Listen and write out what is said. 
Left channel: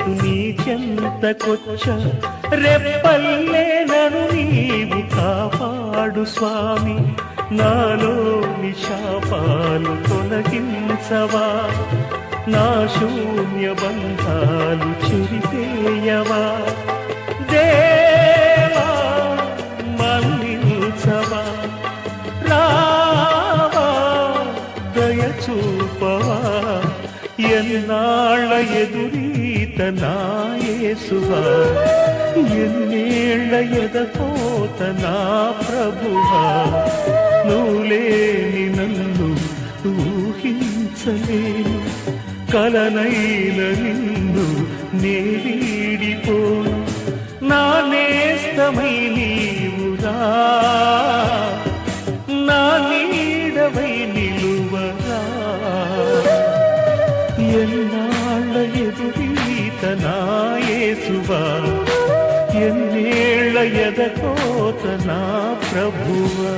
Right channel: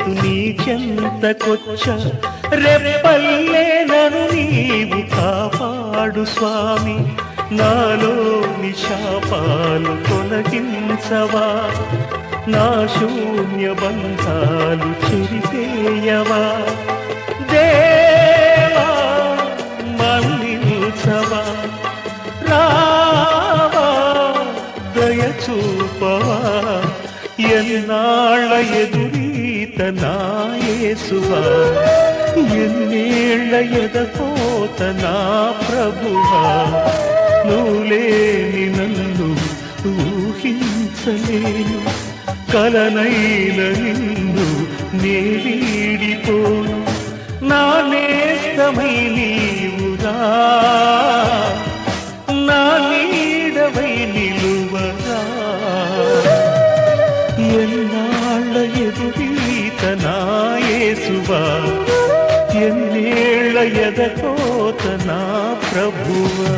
చేస్తూ నీ చెంతకొచ్చ రెప్పల్లే నన్ను నీవు కాపాడు స్వామి నాలోని శాపాలు తొలగించవా నా శూన్య బంధాలు చెరిపేయవా దేవా మన్నించవా రావా దయ చూపవా ఎన్నాళ్ళ ఎదురీత నా యేసువా ఎన్నేళ్ళ ఎదపోత నా ప్రభువా నువ్వులేని నన్ను ఊహించలేను కలనైన నిన్ను నేడిపోను నా నేస్తమై నీవురా నా నీడవై నిలువరా ఎన్నాళ్ళ ఎదురీత నా యేసువా ఎన్నేళ్ళ ఎదకోత నా ప్రభువా